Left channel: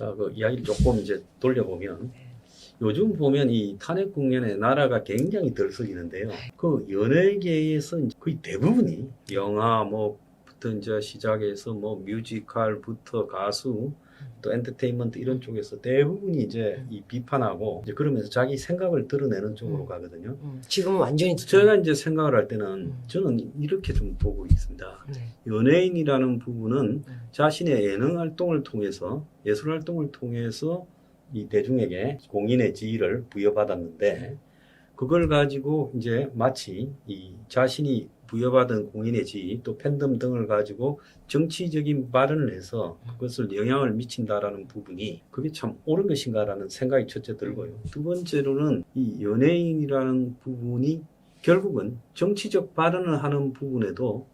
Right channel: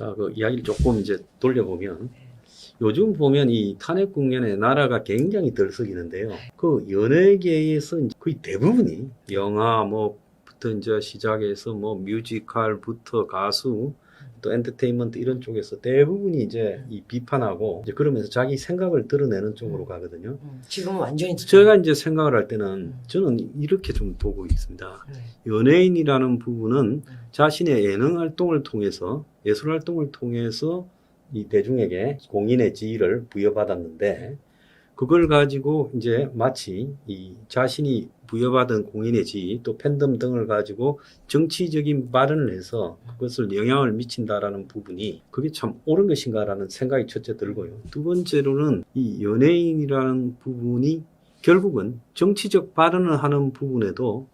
자, 그 이야기를 조금 이제 돌려보면 요즘 보면 이 탄핵 국면에 나라가 굉장히 들썩이는데요. 그 연예계에서 이제 거의 대부분이 영화 뭐부터 이제 시작해서 뭐 뮤지컬부터 가수 또 엔터테인먼트 이런 쪽에서 대부분이 이제 이 비판하고 이제 그러면서 자기 생각을 드러내는 쪽으로 가거든요. 지금은 완전히 제가 이제 생각을 할 때는 저는 이렇게 좀 보고 있습니다. 네. 연예인이라는 부분은 자신의 예능 활동을 통해서 예술 활동을 통해서 이 대중에게 공인의 지위를 부여받았는데 그걸 가지고 이제 마치 이 자신이 부여받은 공인의 지위 또 팬덤 등을 가지고 정치적인 발언을 해서 그것을 영향을 미친다라는 부분이 그게 참 옳은 것인가라는 생각이 첫째 들고요. 두 번째로는 이 연예인이라는 부분이 결국은 정치적 발언을 하는 부분에도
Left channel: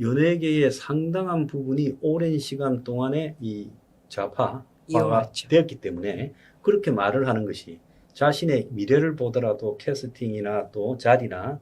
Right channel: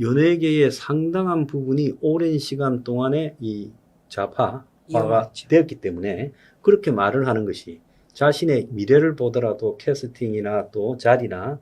연예계의 상당한 부분이 오랜 시간 동안에 이 좌파화가 이용했죠. 되었기 때문에 그렇게 말을 하는 것이 자신의 미래를 보더라도 캐스팅이나 또 자리나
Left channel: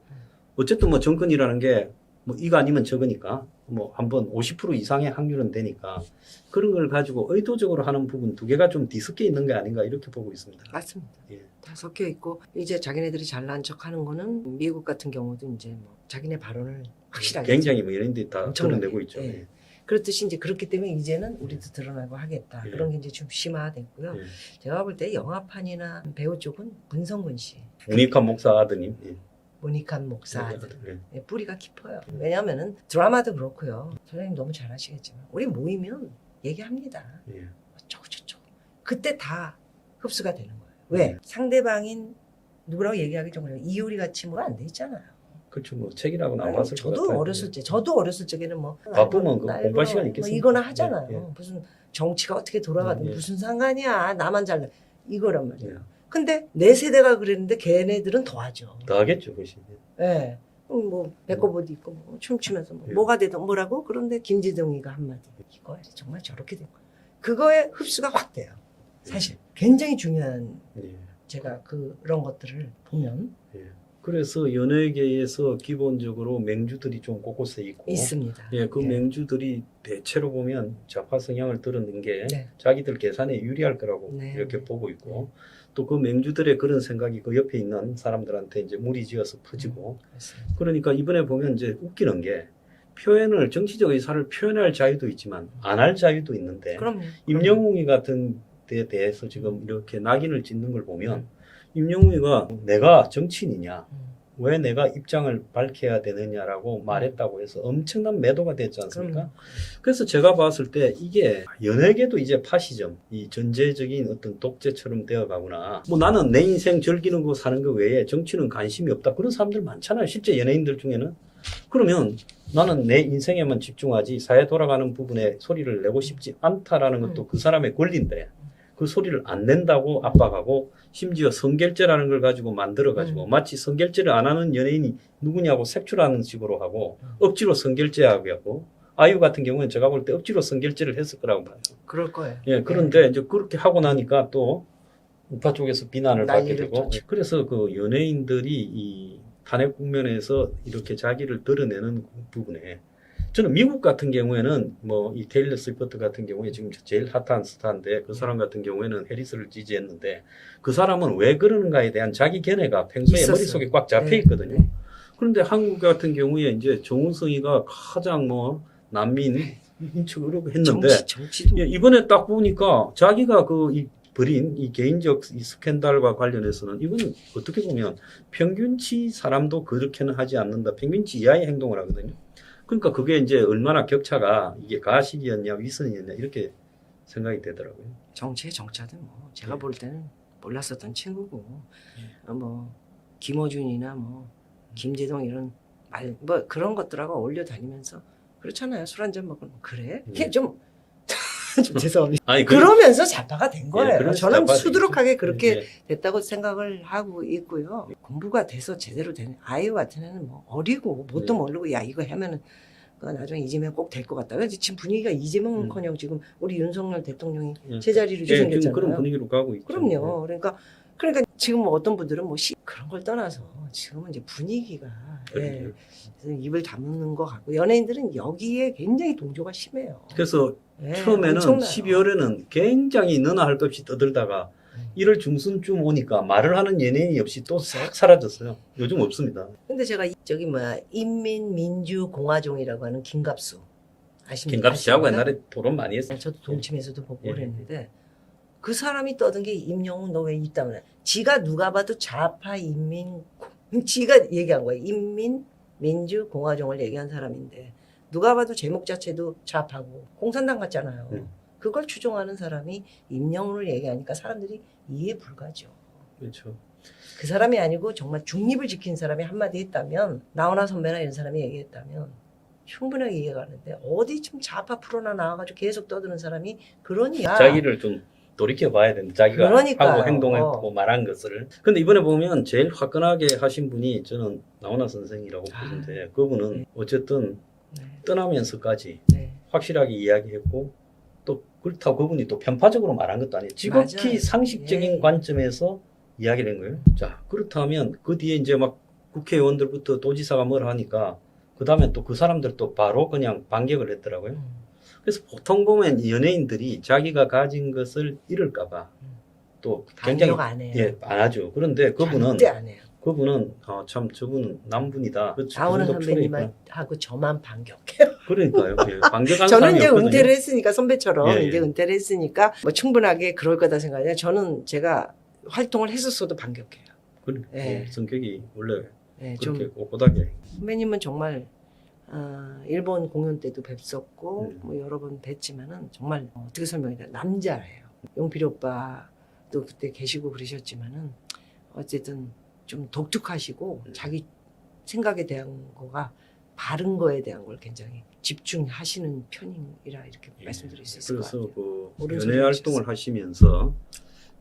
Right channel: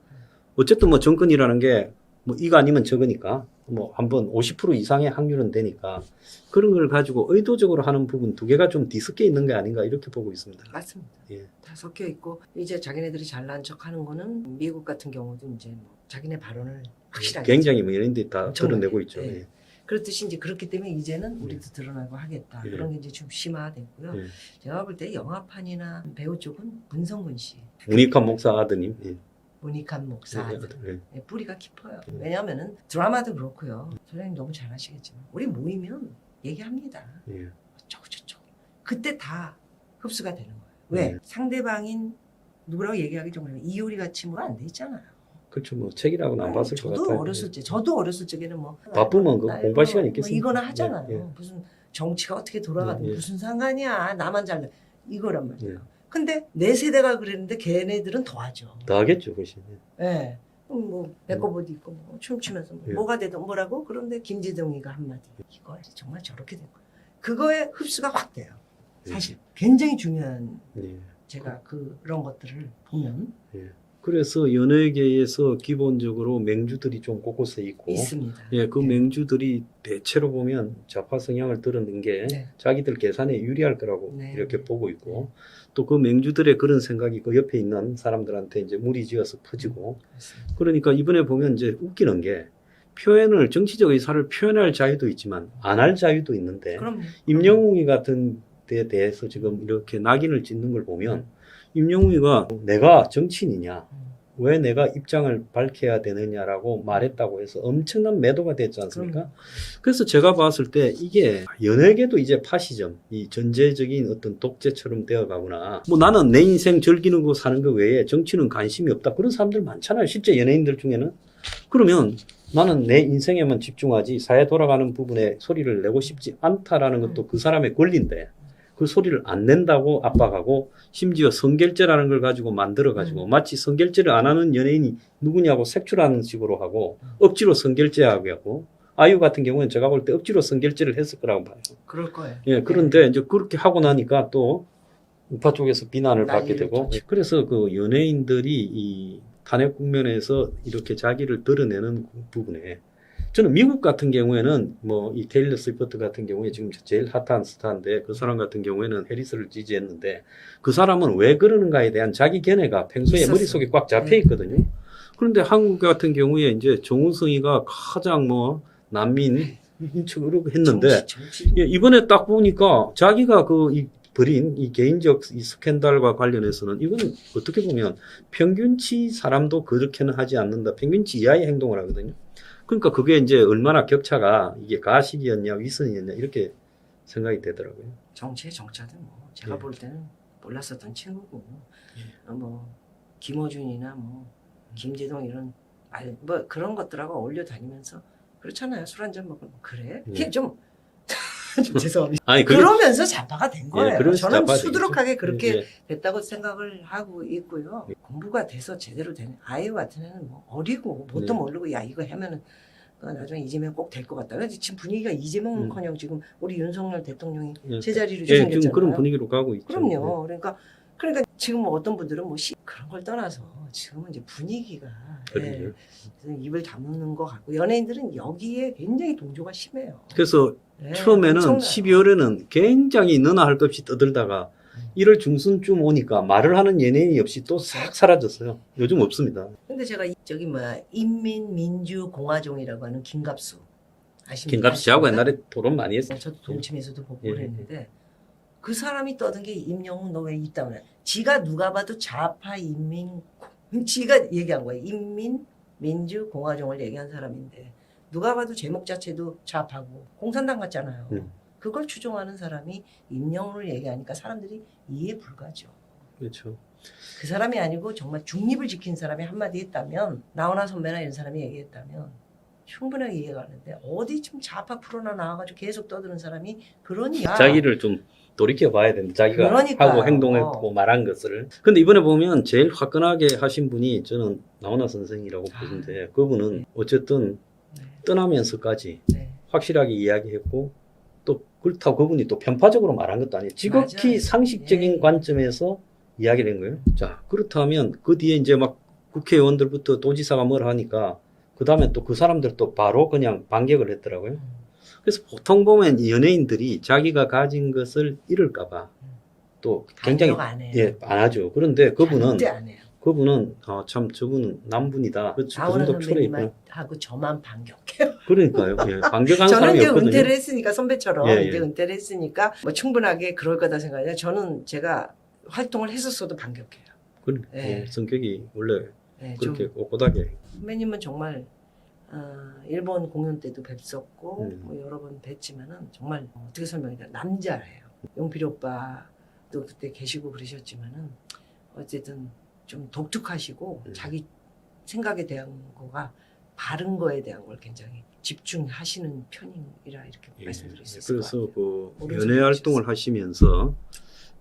어쨌든 뭐 정권이라는 게 뭐 이거 아니면 저거니까 뭐 한번 50% 이상의 확률은 되니까 그런 걸 가지고 의도적으로 하는 부분 두 개가 좀 뒤섞여 있는 게 아닌가 이렇게 보고 있습니다. 맞습니다. 예. 다 섞여 있고 이제 자기네들이 잘난 척하는 거는 미국 같은 경우도 이제 뭐 자기네 발언을 확실하게 굉장히 뭐 연예인들이 다 엄청나게. 드러내고 있죠. 예. 예. 그렇듯이 이제 그렇기 때문에 이제는 우리도 드러나고 하겠다. 예. 그런 게 이제 좀 심화됐고요. 예. 제가 볼 때 영화판이나 배우 쪽은 문성근 씨, 문익환 목사 아드님. 예. 모니칸 목사 예. 예, 뿌리가 깊어요. 왜냐하면은 드라마도 그렇고요. 선생님 너무 잘 아시겠지만 우리 모이면 얘기합니다. 예. 어쩌고저쩌고. 그때 다 흡수가 되는 거예요. 왜? 상대방인 누구라고 얘기하기 좀 그래요. 이효리 같이 뭐 안 돼 있잖아요. 그렇죠. 뭐 책이라고는 안 봤을 것 같아요. 저도 어렸을 적에는 뭐 바쁘면 그 나 공부할 이거 시간 뭐 있겠습니까? 이거나 하잖아요. 예, 예. 무슨 정치가 어떻게 돌아가든 예, 예. 무슨 상관이야. 나만 잘돼. 이거란 말이에요. 예. 근데 내 세대가 그랬는데 걔네들은 더 하죠. 더 하겠죠, 그것이. 예. 뭐 배꼽옷 입고 뭐 춤추면서 뭐 예. 뭐가 되든 뭐라고 그런데 김지동이가 한마디 이거 정말 저렇게 될 거야. 그거에 흡수가 확 돼요. 사실 굉장히 중요한 예. 제가 그런 것들을 보면 예. 그래서 연예계에서 기본적으로 맹주들이 좀 곳곳에 있고, 있습니다. 예, 그 네. 맹주들이 대체로 보면 좌파 성향을 드러낸 게 네. 자기들 계산에 유리할 거라고 네. 이렇게 보고 있고, 또 그 맹주들의 그런 생각이 그 옆에 있는 사람들한테 이제 무리지어서 퍼지고, 그렇습니다. 그러니까 이번에 보면 이제 웃기는 게 표현을 정치적 의사를 표현할 자유도 있지만 안 할 자유도 있는데 그럼요. 임영웅이 같은 데에 대해서 지금 이렇게 낙인을 찍는 걸 보면 임영웅이가 내가 정치인이냐 왜 내가 입장을 밝혀야 되느냐라고 말했다고 해서 엄청난 매도가 됐지 않습니까? 그럼요. 그래서 제가 봤을 때 이게 연예계도 이제 파시즘, 이 전제적인 어떤 독재처럼 되어가구나. 뭐 나는 내 인생 즐기는 거 사는 거 외에 정치는 관심이 없다. 그런 사람들 많잖아요. 실제 연예인들 중에는. 그러면 나는 내 인생에만 집중하지 사회 돌아가는 부분에 소리를 내고 싶지 않다라는 것도 그 사람의 권리인데 그 소리를 안 낸다고 압박하고 심지어 성결제라는 걸 가지고 만들어가지고 마치 성결제를 안 하는 연예인이 누구냐고 색출하는 식으로 하고 억지로 성결제하게 하고 아이유 같은 경우는 제가 볼 때 억지로 성결제를 했을 거라고 봐요. 그럴 거예요. 예, 그런데 이제 그렇게 하고 나니까 또 우파 쪽에서 비난을 받게 난리를 되고 쳤죠. 그래서 그 연예인들이 이 탄핵 국면에서 이렇게 자기를 드러내는 부분에 저는 미국 같은 경우에는 뭐 이 테일러 스위프트 같은 경우에 지금 제일 핫한 스타인데 그 사람 같은 경우에는 해리스를 지지했는데 그 사람은 왜 그러는가에 대한 자기 견해가 평소에 있었어요. 머릿속에 꽉 잡혀 있거든요. 그런데 한국 같은 경우에 이제 정우성이가 가장 뭐 난민 인축으로 했는데 정치도 예, 이번에 딱 보니까 자기가 벌인 이 개인적 이 스캔들과 관련해서는 이건 어떻게 보면 평균치 사람도 그렇게는 하지 않는다. 평균치 이하의 행동을 하거든요. 그러니까 그게 이제 얼마나 격차가 이게 가식이었냐 위선이었냐 이렇게 생각이 되더라고요. 정치의 정자든 뭐 제가 예. 볼 때는 몰랐었던 친구고 뭐 김어준이나 뭐 김재동 이런 뭐 그런 것들하고 어울려 다니면서 그렇잖아요. 술 한잔 먹으면 그래? 그게 좀 죄송합니다. 아니 그러면서 좌파가 된 거예요. 그래서 저는 좌파가 수두룩하게 그렇게 예, 됐다고 생각을 하고 있고요. 공부가 돼서 제대로 된 아이유 같은 애는 뭐 어리고 뭣도 모르고 야 이거 하면은 나중에 이재명 꼭 될 것 같다. 왜 지금 분위기가 이재명은커녕 지금 우리 윤석열 대통령이 예. 제자리로 예, 생겼잖아요. 지금 그런 분위기로 가고 있죠. 그럼요. 그러니까 그러니까 지금 뭐 어떤 분들은 뭐 그런 걸 떠나서 지금은 이제 분위기가 그러게요. 입을 다무는 것 같고 연예인들은 여기에 굉장히 동조가 심해요. 그래서 예, 처음에는 엄청나요. 12월에는 굉장히 너나 할 것 없이 떠들다가 1월 중순쯤 오니까 말을 하는 연예인이 없이 또 싹 사라졌어요. 요즘 없습니다. 근데 제가 저기 뭐야 인민민주공화종이라고 하는 김갑수 김갑 씨하고 아십니까? 옛날에 토론 많이 했어요. 저도 동침에서도 보고 예. 그랬는데 그 사람이 떠든 게 임영웅 너 왜 있다고 그래? 지가 누가 봐도 좌파 지가 얘기한 거예요. 인민민주공화종을 얘기한 사람인데 누가 봐도 제목 자체도 좌파고 공산당 같잖아요. 그걸 추종하는 사람이 임영웅을 얘기하니까 사람들이 이해 불가죠. 그렇죠. 그 사람이 아니고 정말 중립을 지킨 사람이 한마디 했다면 나훈아 선배나 이런 사람이 얘기했다면 충분하게 이해가 가는데 어디 좀 좌파 프로나 나와가지고 계속 떠드는 사람이 그러니까 자기를 좀 돌이켜 봐야 됩니다. 자기가 그러니까요. 하고 행동했고 말한 것을. 근데 이번에 보면 제일 화끈하게 하신 분이 저는 나훈아 선생이라고 보는데 그분은 어쨌든 네. 떠나면서까지 네. 확실하게 이야기했고 또 그렇다고 그분이 또 편파적으로 말한 것도 아니에요. 지극히 맞아요. 상식적인 예. 관점에서 이야기를 한 거예요. 자, 그렇다면 그 뒤에 이제 막 국회의원들부터 도지사가 뭘 하니까 그 다음에 또 그 사람들 또 바로 그냥 반격을 했더라고요. 그래서 보통 보면 연예인들이 자기가 가진 것을 잃을까봐 또 굉장히 반격 안 해요. 예, 안 하죠. 그런데 절대 안 해요. 그분은 참 저분은 남분이다. 그 나훈아 정도 철이 있구나. 선배님하고 저만 반격해요. 그러니까요. 예, 반격한 저는 사람이 이제 없거든요. 은퇴를 했으니까 선배처럼 예, 예. 이제 은퇴를 했으니까 뭐 충분하게 그럴 거다 생각해요. 저는 제가 활동을 했었어도 반격해요. 예. 성격이 원래 네, 그렇게 좀 꼿꼿하게. 선배님은 정말 일본 공연 때도 뵀었고 음. 뭐 여러 번 뵀지만은 정말 어떻게 설명해야 되나 남자예요. 용필 오빠도 그때 계시고 그러셨지만은 어쨌든 좀 독특하시고 자기 생각에 대한 거가 바른 거에 대한 걸 굉장히 집중하시는 편이라 이렇게 말씀드릴 수 있을 것 그래서 같아요. 그 옳은 연예 소리 활동을 하시면서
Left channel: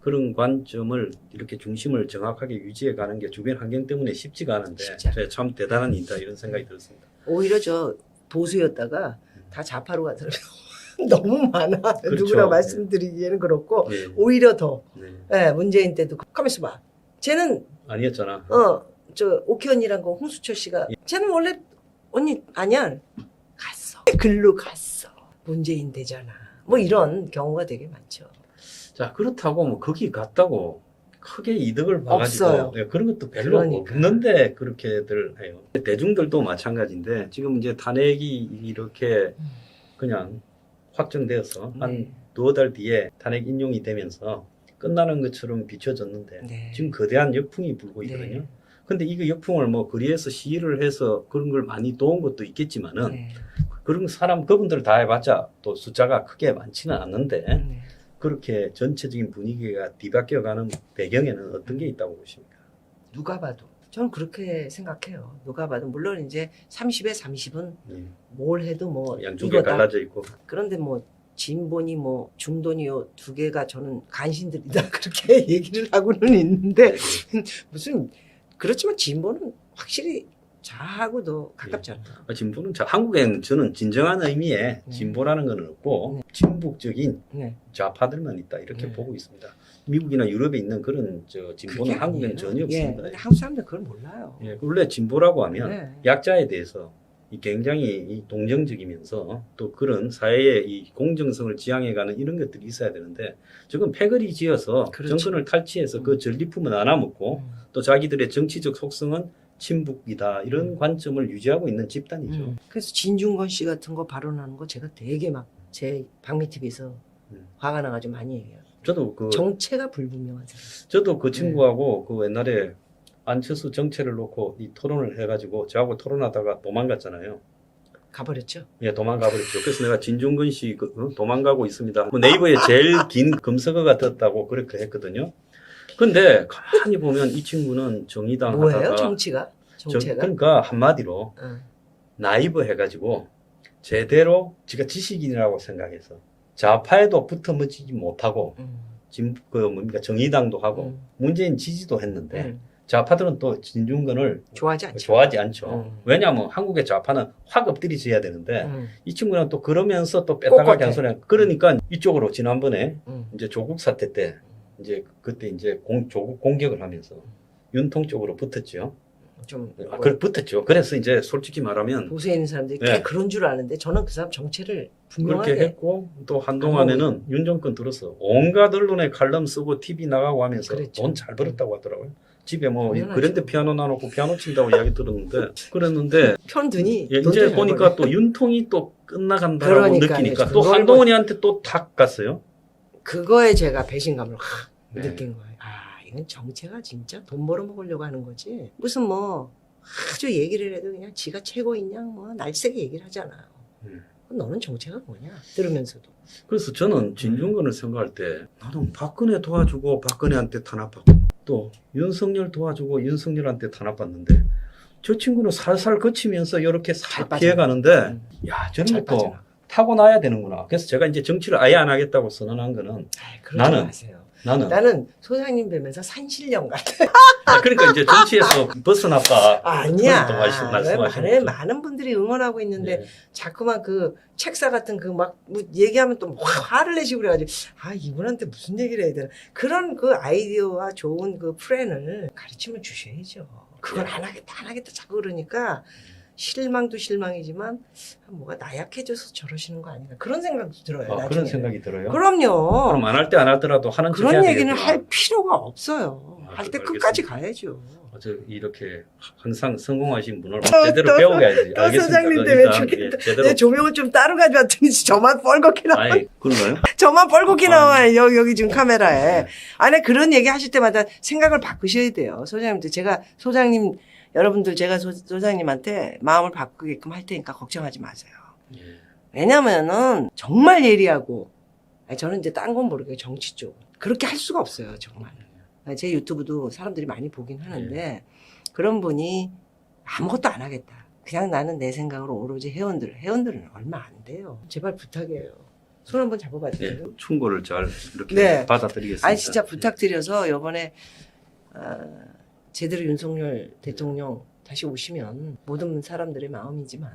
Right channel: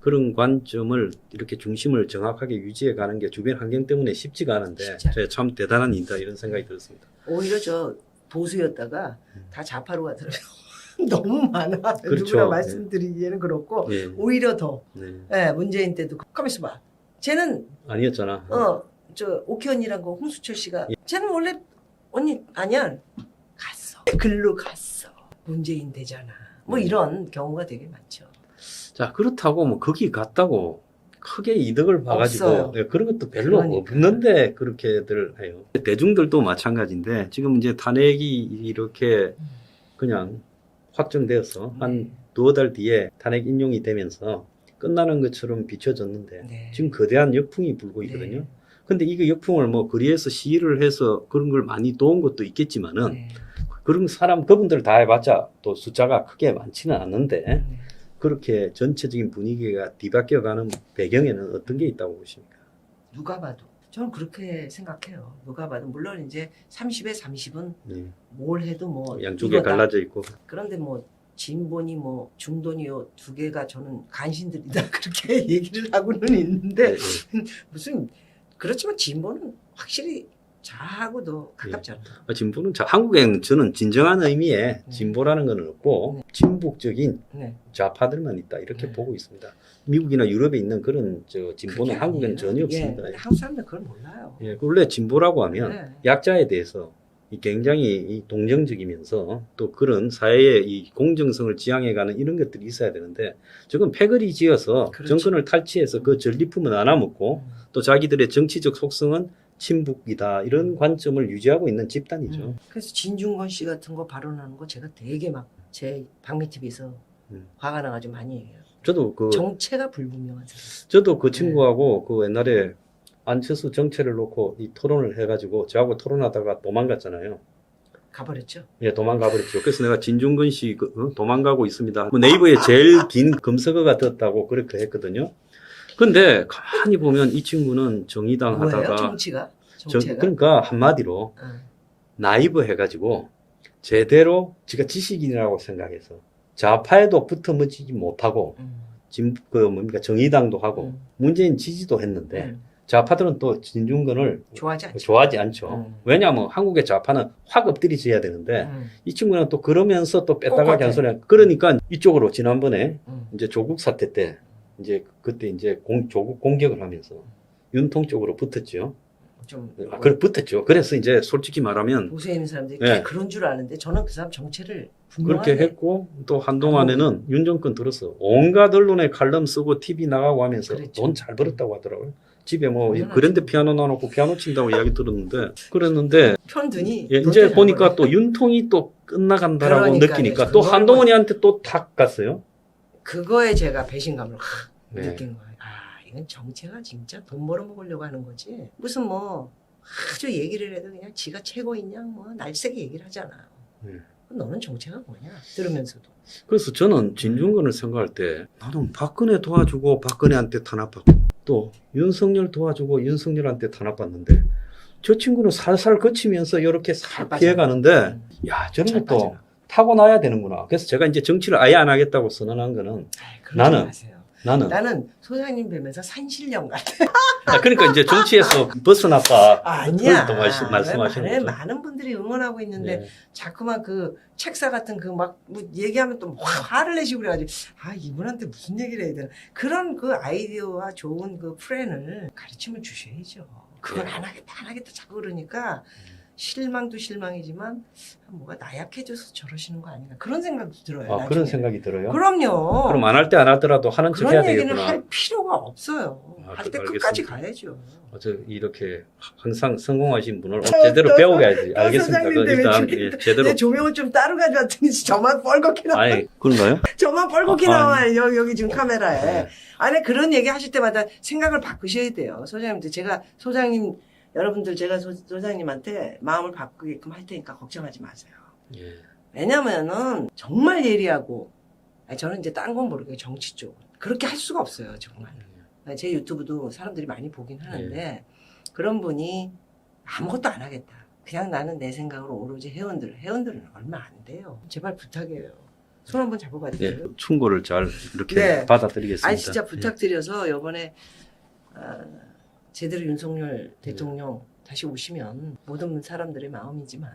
그런 관점을 이렇게 중심을 정확하게 유지해 가는 게 주변 환경 때문에 쉽지가 않은데 쉽지 않아요. 제가 참 대단한 일이다 이런 생각이 들었습니다. 오히려 저 보수였다가 다 좌파로 가더라고요. 너무 많아. 그렇죠. 누구나 말씀드리기에는 그렇고 예. 오히려 더 네. 문재인 때도 가만있어 봐. 쟤는 아니었잖아. 저 오키언니란 거 홍수철 씨가 쟤는 원래 언니 아니야. 갔어. 글로 갔어. 문재인 되잖아. 뭐 이런 경우가 되게 많죠. 자, 그렇다고 뭐 거기 갔다고 크게 이득을 봐가지고 없어요. 예, 그런 것도 별로 그러니까. 없는데 그렇게들 해요. 대중들도 마찬가지인데 지금 이제 탄핵이 이렇게 그냥 확정되어서 한 두어 달 뒤에 탄핵 인용이 되면서 끝나는 것처럼 비춰졌는데 네. 지금 거대한 역풍이 불고 있거든요. 근데 이 역풍을 뭐 거리에서 시위를 해서 그런 걸 많이 도운 것도 있겠지만은 네. 그런 그분들 다 해봤자 또 숫자가 크게 많지는 않는데 네. 그렇게 전체적인 분위기가 뒤바뀌어가는 배경에는 어떤 게 있다고 보십니까? 누가 봐도 저는 그렇게 생각해요. 누가 봐도 물론 이제 30에 30은 예. 뭘 해도 뭐 양쪽에 이거다. 갈라져 있고 그런데 뭐 진보니 뭐 중도니요 두 개가 저는 간신들이다 그렇게 얘기를 하고는 있는데 네, 무슨 그렇지만 진보는 확실히 좌하고도 가깝잖아요. 진보는 한국에는 저는 진정한 의미의 진보라는 건 없고 친북적인 네. 좌파들만 있다 이렇게 네. 보고 있습니다. 미국이나 유럽에 있는 그런 진보는 그게 한국에는 아니에요. 전혀 없습니다. 예, 한국 사람들 그걸 몰라요. 예, 원래 진보라고 하면 네. 약자에 대해서 굉장히 동정적이면서 또 그런 사회의 이 공정성을 지향해가는 이런 것들이 있어야 되는데 지금 패거리 지어서 그렇죠. 정권을 탈취해서 그 전리품은 안 와먹고 또 자기들의 정치적 속성은 친북이다 이런 관점을 유지하고 있는 집단이죠. 그래서 진중권 씨 같은 거 발언하는 거 제가 되게 막 제 박미 TV에서 화가 나가지고 많이 해요. 저도 정체가 불분명한 사람. 저도 그 친구하고 그 옛날에 안철수 정체를 놓고 이 토론을 해가지고 저하고 토론하다가 도망갔잖아요. 가버렸죠. 예, 도망가버렸죠. 그래서 내가 진중근 씨 도망가고 있습니다. 뭐 네이버에 제일 긴 검색어가 떴다고 그렇게 했거든요. 근데 가만히 보면 이 친구는 정의당 뭐예요? 하다가 정체가? 그러니까 한마디로 나이브 해가지고 제대로 지가 지식인이라고 생각해서 좌파에도 붙어먹지 못하고 정의당도 하고 문재인 지지도 했는데 좌파들은 또 진중권을 좋아하지 않죠. 왜냐하면 한국의 좌파는 확 엎드리져야 되는데 이 친구는 또 그러면서 또 뺐다가 잔소리 그러니까 이쪽으로 지난번에 이제 조국 사태 때 이제 그때 이제 조국 공격을 하면서 윤통 쪽으로 붙었죠. 좀 붙었죠. 그래서 이제 솔직히 말하면 보수에 있는 사람들이 네. 꽤 그런 줄 아는데 저는 그 사람 정체를 그렇게 분명하게 했고 또 한동안에는 윤 정권 들어서 온갖 언론에 칼럼 쓰고 TV 나가고 하면서 그랬죠. 돈 잘 벌었다고 하더라고요. 집에 뭐 당연하죠. 그랜드 피아노 놔놓고 피아노 친다고 이야기 들었는데 그랬는데 편드니 예, 이제 보니까 또 윤통이 또 끝나간다라고 그러니까, 느끼니까 또 그걸 한동훈이한테 또 탁 갔어요. 그거에 제가 배신감을 확 네. 느낀 거예요. 아, 이건 정체가 진짜 돈 벌어먹으려고 하는 거지. 무슨 뭐 아주 얘기를 해도 그냥 지가 최고인 양 뭐 날쌔게 얘기를 하잖아요. 네. 너는 정체가 뭐냐 들으면서도. 그래서 저는 진중권을 생각할 때 나는 박근혜 도와주고 박근혜한테 탄압받고 또 윤석열 도와주고 윤석열한테 탄압받는데 저 친구는 살살 거치면서 이렇게 살 잘 피해가는데 야 저런 잘 것도 빠져나가. 타고나야 되는구나. 그래서 제가 이제 정치를 아예 안 하겠다고 선언한 거는 아이, 그러지 나는- 마세요. 나는 나는 소장님 뵈면서 산신령 같아. 그러니까 이제 정치에서 벗어났다. 아니야. 그걸 또 말씀하시는 왜 거죠. 많은 분들이 응원하고 있는데 예. 자꾸만 그 책사 같은 그 막 뭐 얘기하면 또 화를 내시고 그래가지고 아 이분한테 무슨 얘기를 해야 되나 그런 그 아이디어와 좋은 그 플랜을 가르침을 주셔야죠. 그걸 예. 안 하겠다 자꾸 그러니까 실망도 실망이지만 뭐가 나약해져서 저러시는 거 아닌가 그런 생각도 들어요. 아, 나중에. 그런 생각이 들어요. 그럼요. 그럼 안 할 때 안 하더라도 하는 척 해야 그런 얘기는 되겠구나. 할 필요가 없어요. 아, 할 때 알겠습니다. 끝까지 가야죠. 저 이렇게 항상 성공하신 분을 제대로 배워가야지. 또 알겠습니다. 소장님인데 왜 일단 죽겠다. 예, 제대로. 내 조명을 좀 따로 가져왔더니 저만 뻘겋게 나와. 아이 그런가요? 저만 뻘겋게 아, 나와요. 여기 지금 카메라에. 네. 안에 그런 얘기 하실 때마다 생각을 바꾸셔야 돼요. 소장님들 제가 소장님 여러분들 제가 소장님한테 마음을 바꾸게끔 할 테니까 걱정하지 마세요. 예. 왜냐면은 정말 예리하고 저는 이제 딴 건 모르겠어요. 정치 쪽. 그렇게 할 수가 없어요. 정말. 제 유튜브도 사람들이 많이 보긴 하는데 그런 분이 아무것도 안 하겠다. 그냥 나는 내 생각으로 오로지 회원들은 얼마 안 돼요. 제발 부탁이에요. 손 한번 잡아봐 예, 주세요. 충고를 잘 이렇게 네. 받아들이겠습니다. 아니 진짜 부탁드려서 이번에 제대로 윤석열 대통령 다시 오시면 모든 사람들의 마음이지만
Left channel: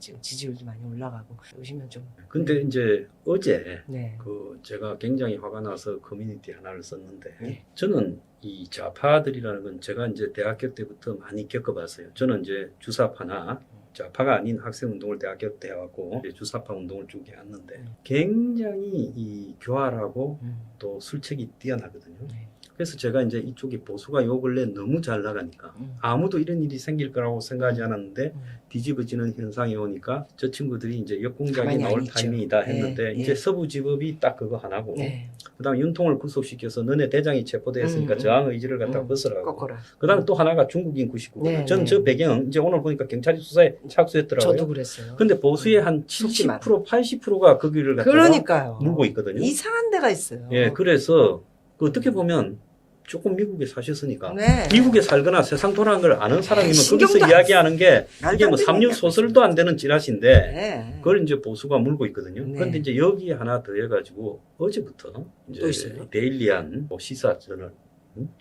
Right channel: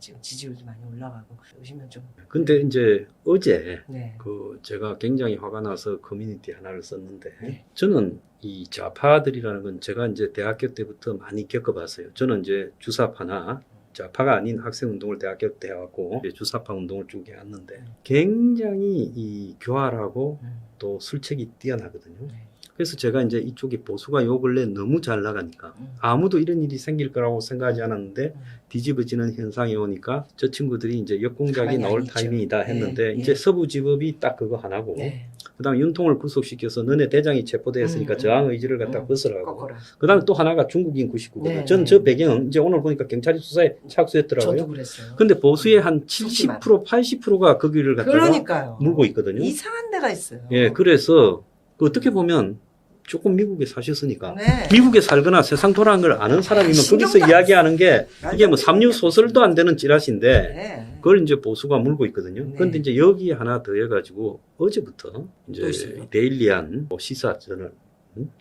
지금 지지율도 많이 올라가고 오시면 좀. 근데 이제 어제 네. 그 제가 굉장히 화가 나서 커뮤니티 하나를 썼는데 네. 저는 이 좌파들이라는 건 제가 이제 대학교 때부터 많이 겪어봤어요. 저는 이제 주사파나 좌파가 아닌 학생운동을 대학교 때 해왔고 주사파 운동을 쭉 해왔는데 굉장히 이 교활하고 또 술책이 뛰어나거든요. 네. 그래서 제가 이제 이쪽에 보수가 요 근래 너무 잘 나가니까 아무도 이런 일이 생길 거라고 생각하지 않았는데 뒤집어지는 현상이 오니까 저 친구들이 이제 역공작이 가만히 나올 안 있죠. 타이밍이다 했는데 네, 이제 네. 서부지법이 딱 그거 하나고 네. 그다음에 윤통을 구속시켜서 너네 대장이 체포되었으니까 저항 의지를 갖다 벗으라고. 거꾸로. 그다음에 또 하나가 중국인 99거. 네, 저는 네. 저 배경 이제 오늘 보니까 경찰이 수사에 착수했더라고요. 저도 그랬어요. 근데 보수의 한 속지 마. 70% 80%가 그 길을 갖다가 그러니까요. 물고 있거든요. 이상한 데가 있어요. 예, 그래서 그 어떻게 보면 조금 미국에 사셨으니까 네. 미국에 살거나 세상 돌아간 걸 아는 사람이면 신경도 거기서 안 이야기하는 게 이게 뭐 말도 안 삼류 되는 소설도 안 되는 찌라시인데 네. 그걸 이제 보수가 물고 있거든요. 네. 그런데 이제 여기에 하나 더 해가지고 어제부터 또 이제 있어요? 데일리안 뭐 시사저널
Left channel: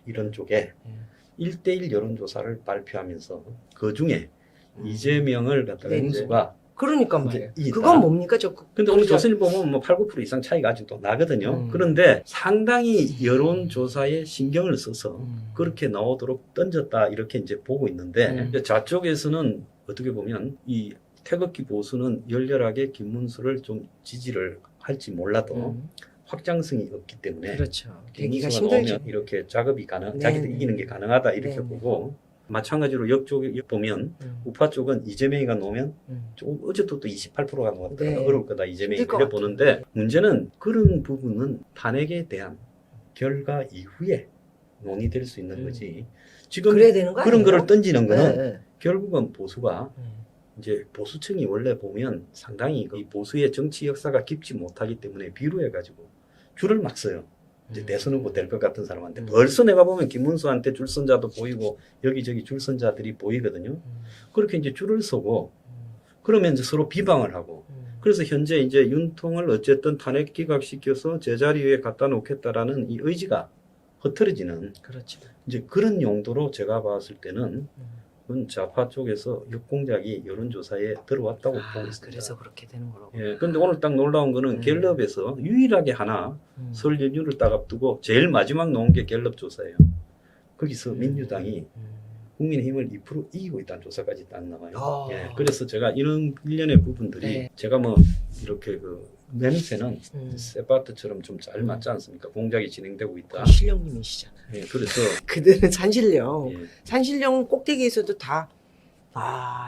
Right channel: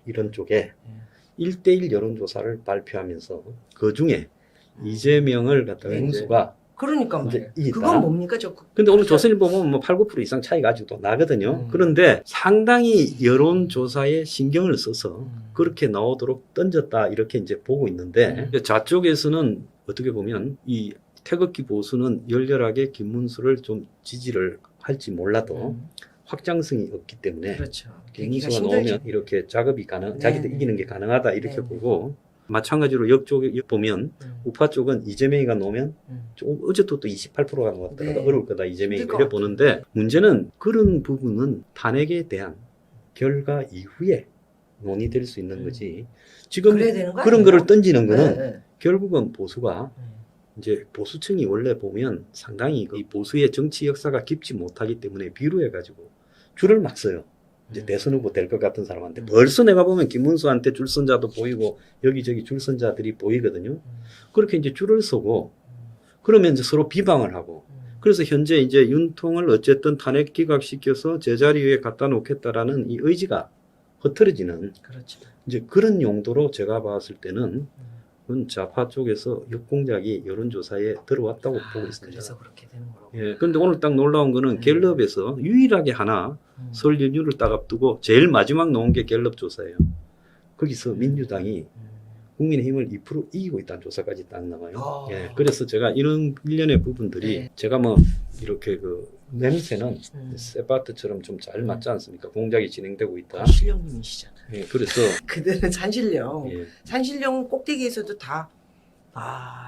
이런 쪽에 1대1 여론조사를 발표하면서 그 중에 이재명을 갖다가 네. 인수가 그러니까 이제 말이에요. 이게 그건 있다. 뭡니까? 근데 오늘 조선일 보면 뭐 8, 9% 이상 차이가 아직도 나거든요. 그런데 상당히 여론조사에 신경을 써서 그렇게 나오도록 던졌다 이렇게 이제 보고 있는데 좌쪽에서는 어떻게 보면 이 태극기 보수는 열렬하게 김문수를 좀 지지를 할지 몰라도 확장성이 없기 때문에 그렇죠. 되기가 김문수가 힘들죠. 나오면 이렇게 작업이 가능, 네, 자기들 네. 이기는 게 가능하다 이렇게 네. 보고 마찬가지로 역쪽에 보면 우파 쪽은 이재명이가 나오면 좀 어제도 또 28%가 나왔더라고요. 네. 어려울 거다 이재명이 힘들 것 그래 보는데 문제는 그런 부분은 탄핵에 대한 결과 이후에 논의될 수 있는 거지. 지금 그래야 되는 거 그런 아니에요? 거를 던지는 거는 네. 결국은 보수가 이제 보수층이 원래 보면 상당히 이 보수의 정치 역사가 깊지 못하기 때문에 비루해가지고 줄을 맞서요. 이제 대선 후보 될 것 같은 사람한테 벌써 내가 보면 김문수한테 줄선자도 보이고 여기저기 줄선자들이 보이거든요. 그렇게 이제 줄을 서고 그러면 이제 서로 비방을 하고 그래서 현재 이제 윤통을 어쨌든 탄핵 기각시켜서 제자리에 갖다 놓겠다라는 이 의지가 흐트러지는 그렇죠. 이제 그런 용도로 제가 봤을 때는 그건 좌파 쪽에서 역공작이 여론조사에 들어왔다고 보고 있습니다. 그래서 그렇게 되는 거로. 예, 근데 오늘 딱 놀라운 거는 음. 갤럽에서 유일하게 하나 설 연휴를 딱 앞두고 제일 마지막 나온 게 갤럽 조사예요. 거기서 민주당이 국민의힘을 2% 이기고 있다는 조사까지 딱 나와요. 예, 그래서 제가 이런 일련의 부분들이 네. 제가 뭐 이렇게 그 냄새는 세바트처럼 좀 잘 맞지 않습니까? 공작이 진행되고 있다. 산신령님이시잖아요. 예, 그래서 그들은 산신령. 예, 산신령 꼭대기에서도 다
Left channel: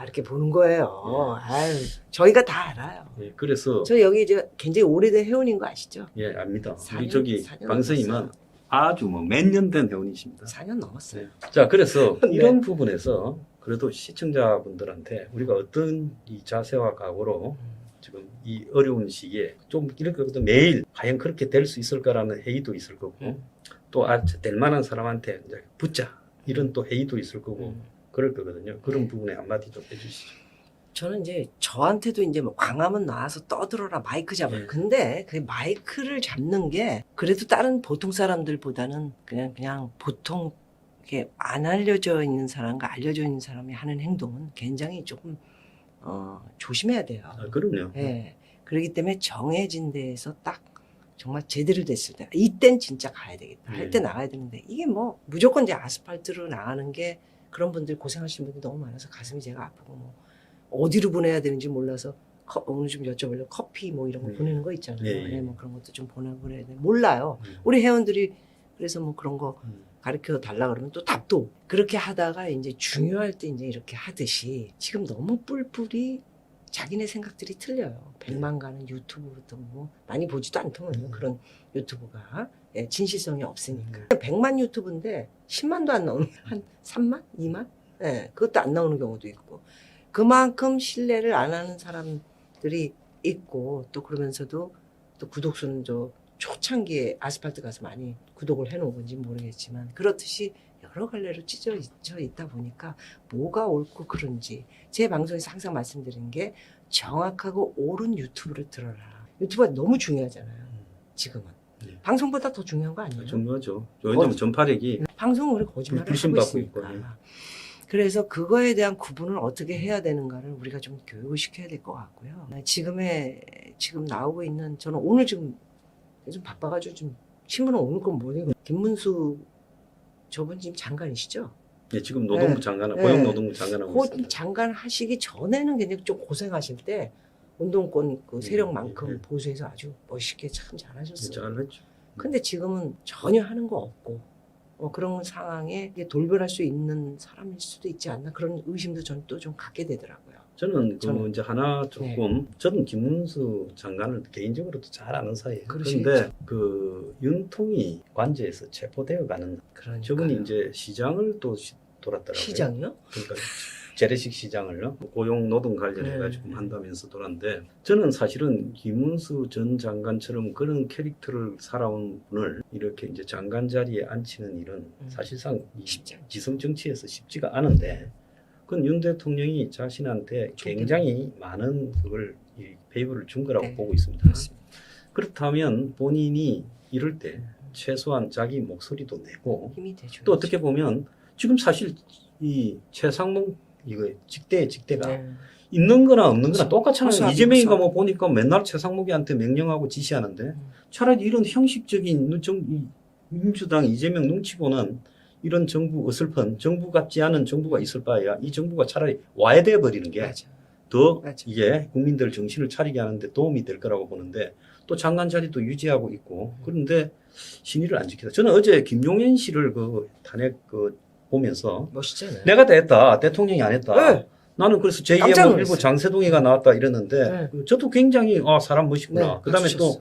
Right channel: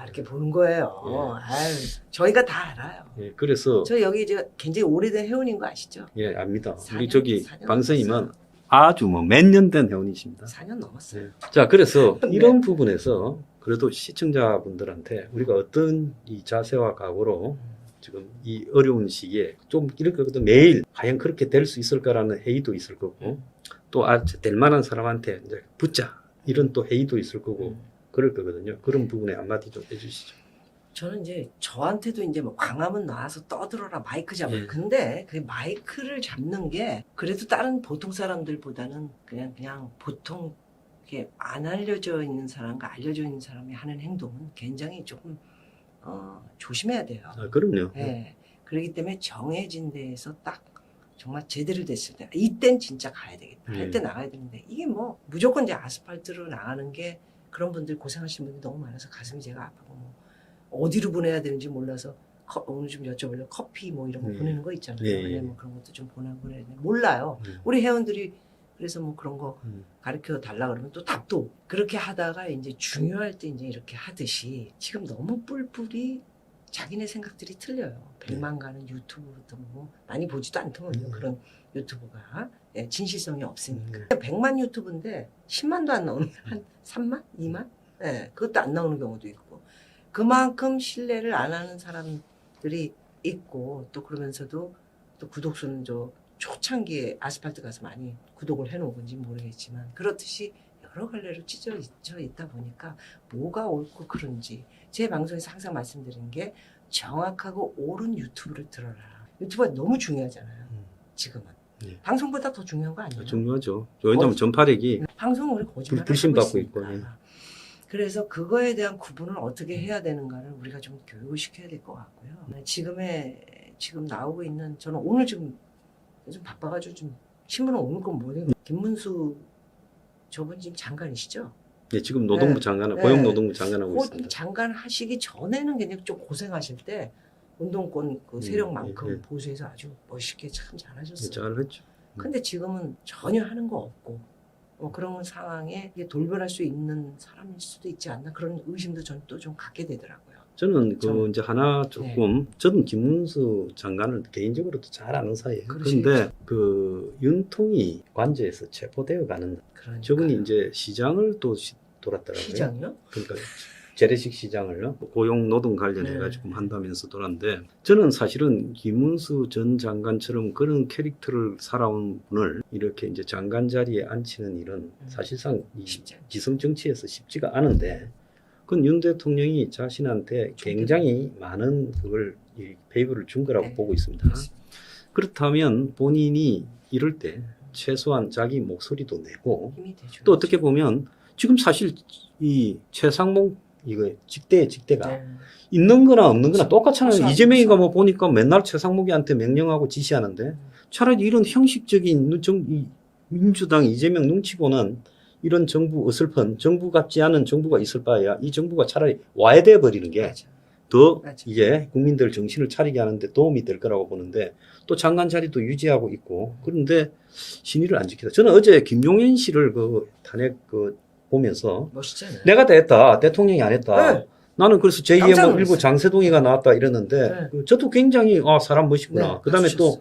이렇게 보는 거예요. 예. 아유, 저희가 다 알아요. 예, 그래서 저 여기 이제 굉장히 오래된 회원인 거 아시죠? 예, 압니다. 4년, 우리 저기 4년 방송이면 넘었어요. 아주 뭐 몇 년 된 회원이십니다. 4년 넘었어요. 네. 자, 그래서 네. 이런 부분에서 그래도 시청자분들한테 우리가 어떤 이 자세와 각오로 지금 이 어려운 시기에 좀 이렇게 매일 과연 그렇게 될 수 있을까라는 회의도 있을 거고 또 될 만한 사람한테 이제 붙자 이런 또 회의도 있을 거고 그럴 거거든요. 그런 부분에 한마디 좀 해주시죠. 저는 이제 저한테도 이제 뭐 광화문 나와서 떠들어라 마이크 잡아. 네. 근데 그 마이크를 잡는 게 그래도 다른 보통 사람들보다는 그냥 보통 이렇게 안 알려져 있는 사람과 알려져 있는 사람이 하는 행동은 굉장히 조금 조심해야 돼요. 아, 그럼요. 네. 그렇기 때문에 정해진 데에서 딱 정말 제대로 됐을 때 이땐 진짜 가야 되겠다. 할 때 나가야 되는데 이게 뭐 무조건 이제 아스팔트로 나가는 게 그런 분들 고생하시는 분들이 너무 많아서 가슴이 제가 아프고 뭐 어디로 보내야 되는지 몰라서 오늘 좀 여쭤보려고 커피 뭐 이런 거 보내는 거 있잖아요. 예. 뭐 그런 것도 좀 보내고 그래야 돼. 몰라요. 음. 우리 회원들이 그래서 뭐 그런 거 음. 가르쳐 달라 그러면 또 답도 없고. 그렇게 하다가 이제 중요할 때 이제 이렇게 하듯이 지금 너무 뿔뿔이 자기네 생각들이 틀려요. 100만 가는 유튜브부터 뭐 많이 보지도 않더군요. 그런 유튜브가 진실성이 없으니까. 100만 유튜브인데 10만도 안 나오는 한 3만? 2만? 그것도 안 나오는 경우도 있고 그만큼 신뢰를 안 하는 사람들이 있고 또 그러면서도 또 구독수는 초창기에 아스팔트 가서 많이 구독을 해놓은 건지 모르겠지만 그렇듯이 여러 갈래로 찢어져 있다 보니까 뭐가 옳고 그른지 제 방송에서 항상 말씀드리는 게 정확하고 옳은 유튜브를 들어라. 유튜브가 너무 중요하잖아요. 지금은. 네. 방송보다 더 중요한 거 아니에요? 중요하죠. 왜냐하면 전파력이 방송은 우리 거짓말을 하고 불신받고 있으니까. 있고, 예. 그래서 그거에 대한 구분을 어떻게 해야 되는가를 우리가 좀 교육을 시켜야 될 것 같고요. 지금 나오고 있는 저는 오늘 좀 바빠가지고 좀 신문에 오는 건 뭐예요? 김문수 저분 지금 장관이시죠? 예, 지금 노동부 장관, 네. 고용노동부 장관하고 그 있습니다. 장관 하시기 전에는 굉장히 좀 고생하실 때 운동권 그 세력만큼 예. 보수해서 아주 멋있게 참 잘하셨어요. 잘했죠. 근데 지금은 전혀 하는 거 없고 그런 상황에 돌변할 수 있는 사람일 수도 있지 않나 그런 의심도 저는 또 좀 갖게 되더라고요. 저는 이제 하나 조금 저는 김문수 장관을 개인적으로도 잘 아는 사이예요. 그런데 그 윤통이 관저에서 체포되어 가는 그러니까요. 저분이 이제 시장을 또 돌았더라고요. 시장이요? 그러니까 재래식 시장을요. 고용 노동 관련해 가지고 한다면서 돌았는데 저는 사실은 김문수 전 장관처럼 그런 캐릭터를 살아온 분을 이렇게 이제 장관 자리에 앉히는 일은 사실상 이 기성 정치에서 쉽지가 않은데 그건 윤 대통령이 자신한테 굉장히 많은 그걸 페이버를 준 거라고 보고 있습니다. 그렇다면 본인이 이럴 때 최소한 자기 목소리도 내고 또 어떻게 보면 지금 사실 이 최상목 이거 직대가 있는 거나 없는 거나 똑같잖아요. 이재명이가 뭐 보니까 맨날 최상목이한테 명령하고 지시하는데 차라리 이런 형식적인 이 민주당 이재명 눈치 보는 이런 정부 어설픈 정부 같지 않은 정부가 있을 바에야 이 정부가 차라리 와야 돼 버리는 게 더 이게 국민들 정신을 차리게 하는데 도움이 될 거라고 보는데 또 장관 자리도 유지하고 있고 그런데 신의를 안 지키다. 저는 어제 김용현 씨를 그 탄핵 보면서 멋있잖아요. 내가 다 했다. 대통령이 안 했다. 네. 나는 그래서 제2의 뭐 일부 장세동이가 나왔다 이랬는데 저도 굉장히 사람 멋있구나. 그다음에 또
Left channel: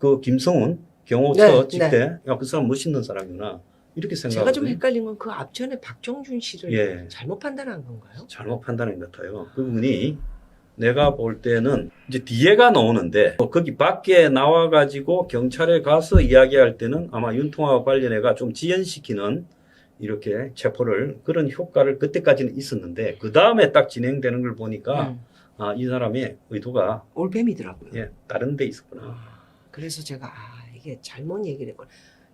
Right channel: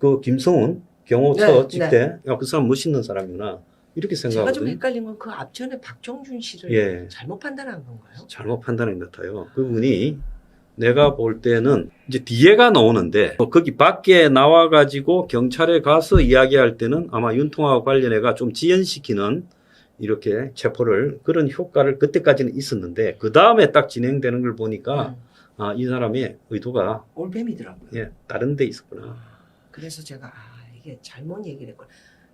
그 김성훈 경호처 직대 그 사람 멋있는 사람이구나. 이렇게 생각하거든요. 제가 좀 헷갈린 건 그 앞전에 박정준 씨를 잘못 판단한 건가요? 잘못 판단한 것 같아요. 그분이 내가 볼 때는 이제 뒤에가 나오는데 거기 밖에 나와가지고 경찰에 가서 이야기할 때는 아마 윤통하고 관련해가 좀 지연시키는 이렇게 체포를 그런 효과를 그때까지는 있었는데 그 다음에 딱 진행되는 걸 보니까 이 사람의 의도가 올빼미더라고요. 다른 데 있었구나. 그래서 제가 이게 잘못 얘기를 했구나.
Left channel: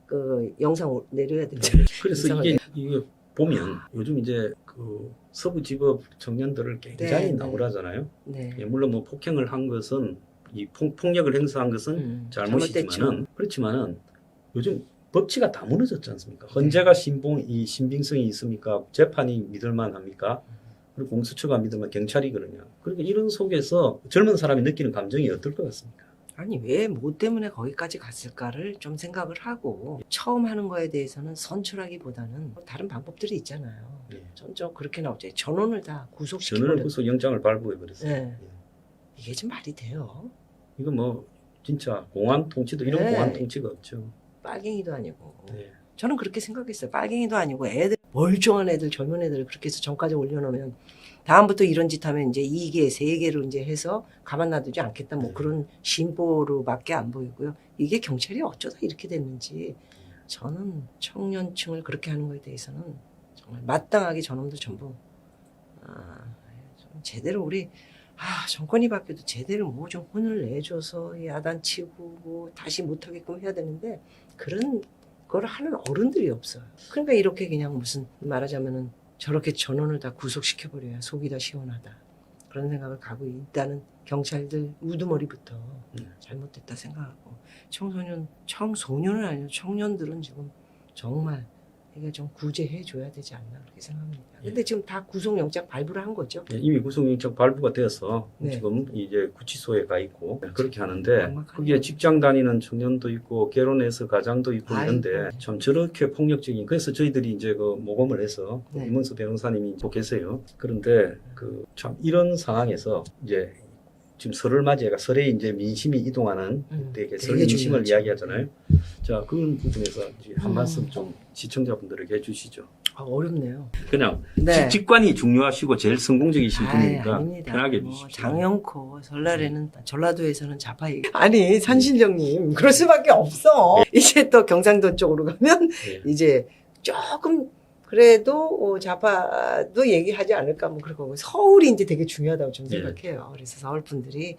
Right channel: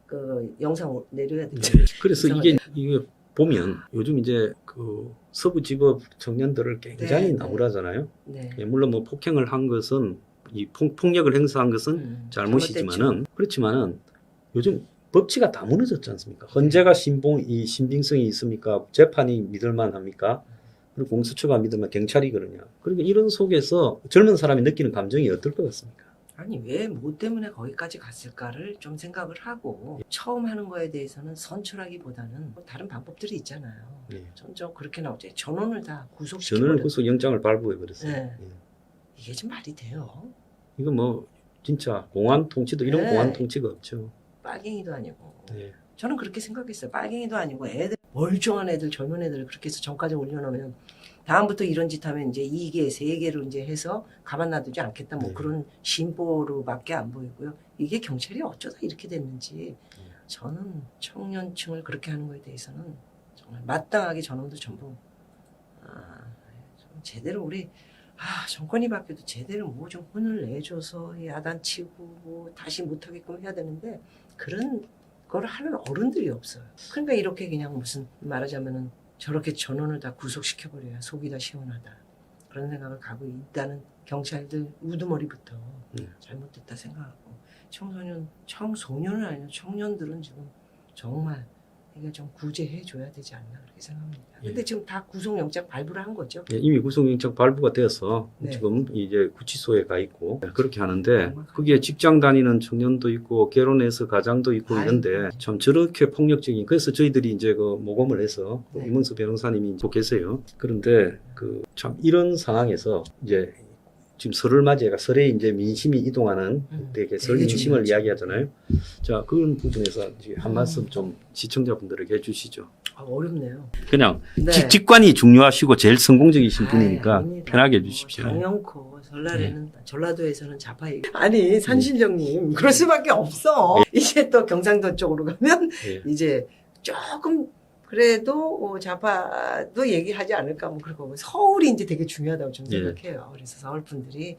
그 영상 내려야 되겠다. 그래서 이게 보면 요즘 이제 그 서부지법 청년들을 굉장히 네, 나무라잖아요. 네. 예, 물론 뭐 폭행을 한 것은 이 폭력을 행사한 것은 잘못이지만은 잘못됐죠. 그렇지만은 요즘 법치가 다 무너졌지 않습니까? 헌재가 신빙성이 있습니까? 재판이 믿을만합니까? 그리고 공수처가 믿으면 경찰이 그러냐? 그러니까 이런 속에서 젊은 사람이 느끼는 감정이 어떨 것 같습니까? 아니 왜 뭐 때문에 거기까지 갔을까를 좀 생각을 하고 처음 하는 거에 대해서는 선출하기보다는 다른 방법들이 있잖아요. 예. 전 그렇게 나오죠. 전원을 다 전원을 구속시켜버려. 구속 영장을 발부해 버렸어요. 네. 이게 좀 말이 돼요. 이거 뭐 진짜 공안 통치도 이런 네. 공안 통치가 없죠. 빨갱이도 아니고. 예. 저는 그렇게 생각했어요. 빨갱이도 아니고 애들 멀쩡한 애들 젊은 애들 그렇게 해서 전까지 올려놓으면 다음부터 이런 짓 하면 이제 2개, 3개로 이제 해서 가만 놔두지 않겠다. 뭐 네. 그런 심보로밖에 안 보이고요. 이게 경찰이 어쩌다 이렇게 됐는지 저는 청년층을 그렇게 하는 거에 대해서는 정말 마땅하게 저놈들 전부 좀 제대로 우리 정권이 바뀌어도 제대로 뭐 좀 혼을 내줘서 야단치고 뭐 다시 못하게끔 해야 되는데 그런 걸 하는 어른들이 없어요. 그러니까 이렇게 그냥 무슨 말하자면은 저렇게 전원을 다 구속시켜버려야 속이 다 시원하다. 그런 생각을 가고 있다는 경찰들 우두머리부터 잘못됐다 생각하고 청소년은 아니고 청년들은 지금 정말 이게 좀 구제해줘야 되지 않나 그렇게 생각합니다. 근데 지금 다 구속영장 발부를 한 거죠. 예, 이미 구속영장 발부가 되어서 네. 지금 이제 구치소에 가 있고 그렇게 하는데 정확하게. 거기에 직장 다니는 청년도 있고 결혼해서 가장도 있고 아이고. 이런데 참 저렇게 폭력적인 그래서 저희들이 이제 그 모금을 해서 네. 이문수 변호사님이 또 계세요. 그런데 그 참 이런 상황에서 이제 지금 설을 맞이해가 설에 이제 민심이 이동하는 되게 설 되게 민심을 중요하죠. 이야기하잖아요. 자 그런 부분에서 이제 한 말씀 좀 시청자분들에게 해주시죠. 어렵네요. 그냥 네. 직관이 중요하시고 제일 성공적이신 아이, 분이니까 아닙니다. 편하게 뭐 해주십시오. 장영코 설날에는 전라도에서는 자파이 아니 산신령님 그럴 수밖에 없어. 이제 또 경상도 쪽으로 가면 예. 이제 조금 그래도 자파도 얘기하지 않을까 뭐 그러고 서울이 이제 되게 중요하다고 저는 예. 생각해요. 그래서 서울 분들이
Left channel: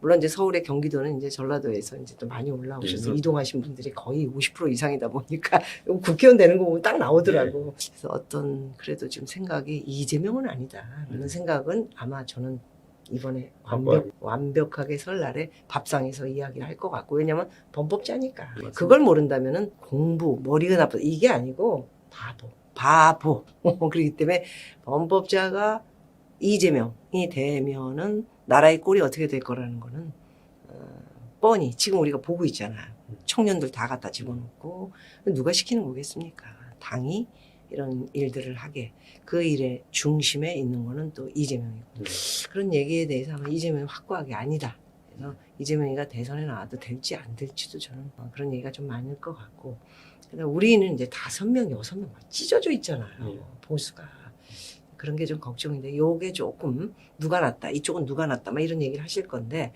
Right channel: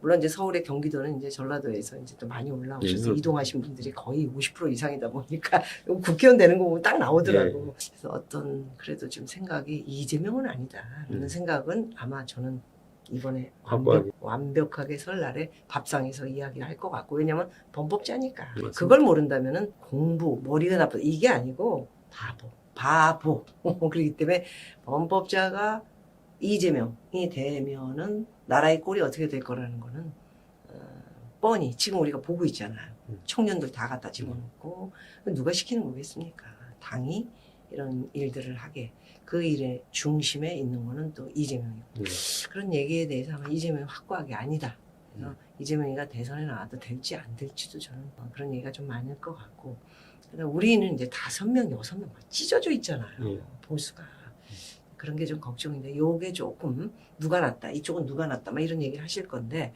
물론 이제 서울의 경기도는 이제 전라도에서 이제 또 많이 올라오셔서 예. 이동하신 분들이 거의 50% 이상이다 보니까 국회의원 되는 거 보면 딱 나오더라고. 그래서 어떤 그래도 지금 생각이 이재명은 아니다라는 생각은 아마 저는 이번에 완벽하게 설날에 밥상에서 이야기를 할 것 같고 왜냐면 범법자니까 맞습니다. 그걸 모른다면은 공부 머리가 나쁘다 이게 아니고 바보 그렇기 때문에 범법자가 이재명이 되면은 나라의 꼴이 어떻게 될 거라는 거는 뻔히 지금 우리가 보고 있잖아요. 청년들 다 갖다 집어넣고 누가 시키는 거겠습니까? 당이 이런 일들을 하게 그 일의 중심에 있는 거는 또 이재명이고 그런 얘기에 대해서 아마 이재명이 확고하게 아니다. 그래서 이재명이가 대선에 나와도 될지 안 될지도 저는 그런 얘기가 좀 많을 것 같고 그러니까 우리는 이제 5명, 6명 찢어져 있잖아요. 예. 보수가. 그런 게 좀 걱정인데 요게 조금 누가 낫다 이쪽은 누가 낫다 막 이런 얘기를 하실 건데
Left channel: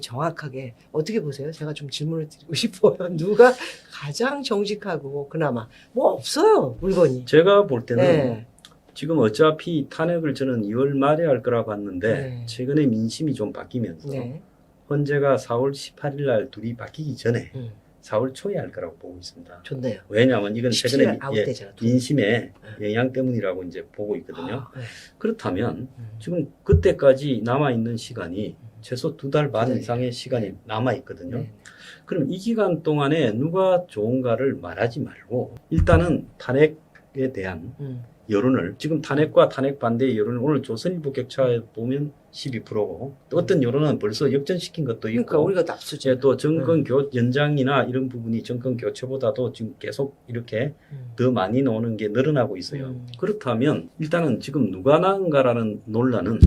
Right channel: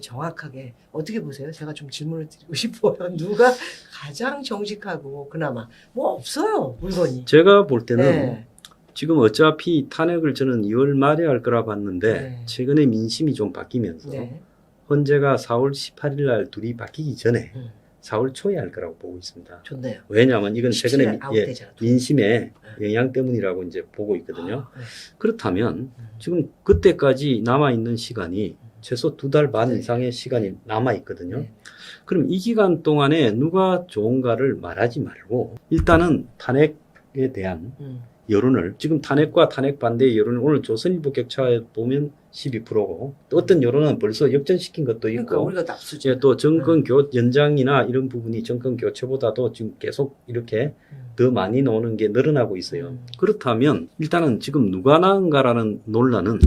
정확하게 어떻게 보세요? 제가 좀 질문을 드리고 싶어요. 누가 가장 정직하고 그나마 뭐 없어요 물건이. 제가 볼 때는 네. 지금 어차피 탄핵을 저는 2월 말에 할 거라 봤는데 네. 최근에 민심이 좀 바뀌면서 네. 헌재가 4월 18일 날 둘이 바뀌기 전에 음. 4월 초에 할 거라고 보고 있습니다. 좋네요. 왜냐하면 이건 최근에 17일 아웃되잖아. 민심의 영향 때문이라고 이제 보고 있거든요. 네. 그렇다면 지금 그때까지 남아있는 시간이 최소 2달 반 네. 이상의 시간이 남아있거든요. 네. 그럼 이 기간 동안에 누가 좋은가를 말하지 말고 일단은 탄핵에 대한 여론을 지금 탄핵과 탄핵 반대의 여론을 오늘 조선일보 격차에 보면 12%고 또 어떤 여론은 벌써 역전시킨 것도 있고 그러니까 우리가 납수죠. 예, 또 정권 연장이나 이런 부분이 정권 교체보다도 지금 계속 이렇게 더 많이 나오는 게 늘어나고 있어요. 그렇다면 일단은 지금 누가 나은가라는 논란은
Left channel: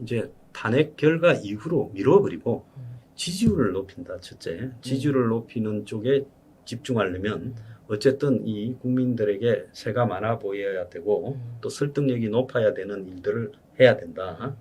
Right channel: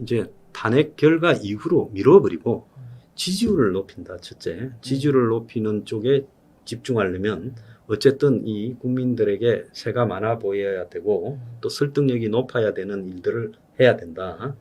이제 탄핵 결과 이후로 미뤄버리고 지지율을 높인다. 첫째, 지지율을 높이는 쪽에 집중하려면 어쨌든 이 국민들에게 세가 많아 보여야 되고 또 설득력이 높아야 되는 일들을 해야 된다.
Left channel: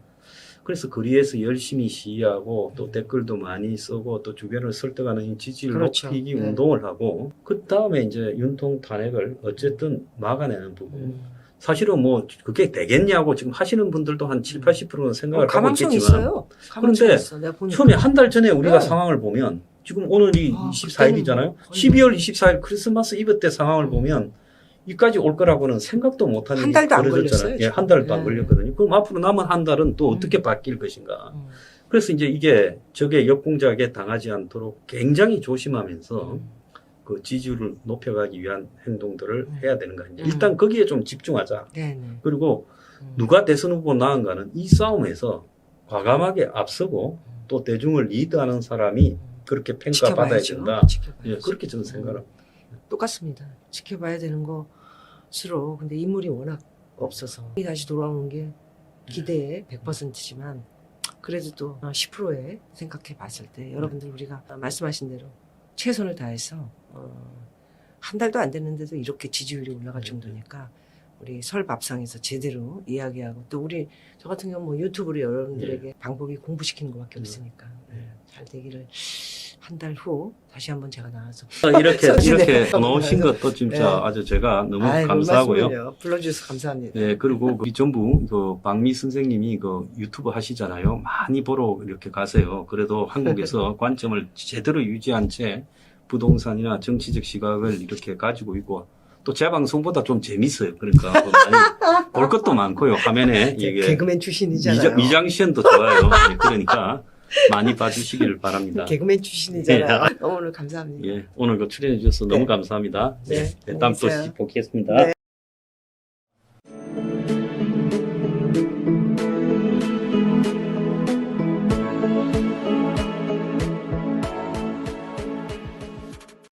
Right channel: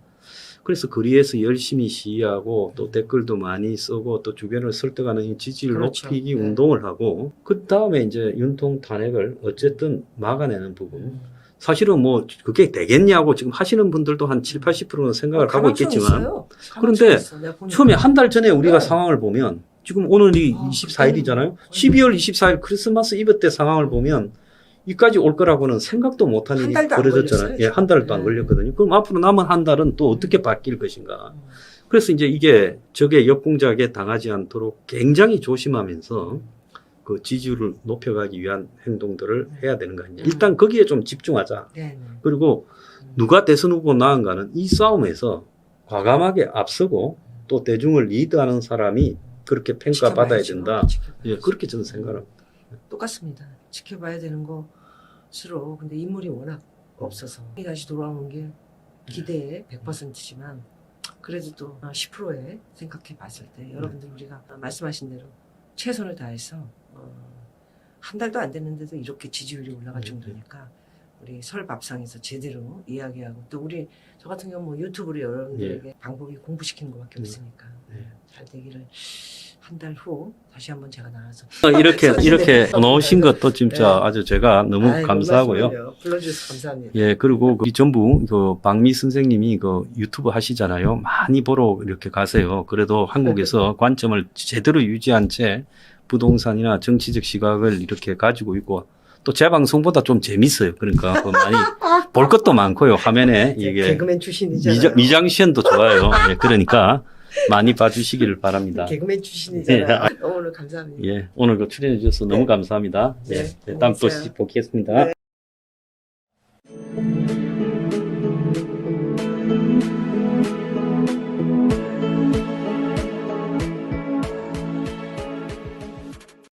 그래서 거리에서 열심히 시위하고 또 댓글도 많이 쓰고 또 주변을 설득하는 이 지지율 그렇죠. 높이기 네. 운동을 하고 그 다음에 이제 윤통 탄핵을 어쨌든 막아내는 부분. 사실은 뭐 그게 되겠냐고 지금 하시는 분들도 한 7, 80%는 생각을 하고 가망성 있겠지만 있어요. 그런데 있어. 내가 보니까. 처음에 한 달 전에 우리가 네. 상황을 보면 지금 오늘이 아, 24일이잖아요. 그때는 12월 24일 크리스마스 이브 때 상황을 보면 이까지 올 거라고는 생각도 못한 한 일이 달도 안 벌어졌잖아요. 걸렸어요, 예, 한 달도 안 네. 걸렸거든요. 그럼 앞으로 남은 한 달은 또 어떻게 바뀔 것인가. 음. 그래서 이제 이게 적의 역공작에 당하지 않도록 굉장히 조심하면서 그 지지율을 높여가기 위한 행동들을 해야 되는 거 아니냐. 일단 거기에 좀 집중하자. 네. 그리고 누가 대선 후보 나은가는 이 싸움에서 과감하게 앞서고 또 대중을 리드하는 사람이 그렇게 평가받아야 지켜봐야죠. 된다. 지켜봐야죠. 예, 그렇게 저는 생각합니다. 똑같습니다. 지켜봐야 되는 거 싫어. 근데 인물이 워낙 없어서 다시 돌아오는 게 기대에 100%지만 그래도 또 10%에 생각해 봤을 때 여러분들 우리가 말씀하신 대로 최선을 다해서 한 달도 안 됐는데도 이렇게 지지율이 올라갈 정도니까 우리 설 밥상에서 제대로 이야기하고 또 우리 저 같은 경우 뭐 유튜브로 여러분들에게 방법이 공부시키는 것밖에 없으니까 잘 되기를 한 달 후 다시 한번 제가 나와서 이렇게 나오신 것도 진짜 네. 아주 제가 너무 아이고, 감사하고요. 말씀을요. 불러주셔서 감사합니다. 예, 그리고 이 전부 그 박미 선생님이 그 유튜브 하시잖아요. 많이 보러 이렇게 가세요. 그래도 한국에서 관점을 제대로 유지한 채 부동산이나 정치적 시각을 이렇게 가지고 있고 또 제 방송보다 좀 재밌어요. 그러니까 그 많이 볼 것도 많고요. 화면에 이게 개그맨 출신이잖아요. 미장시연도 좋아요. 예, 그러니까 많이 봐주시기를 바랍니다. 개그맨 출신이잖아요. 오늘 감사합니다. 예, 오늘 그 출연해 주셔서 너무 감사합니다. 네, 네, 다음 또 고맙어요. 뵙겠습니다. 네.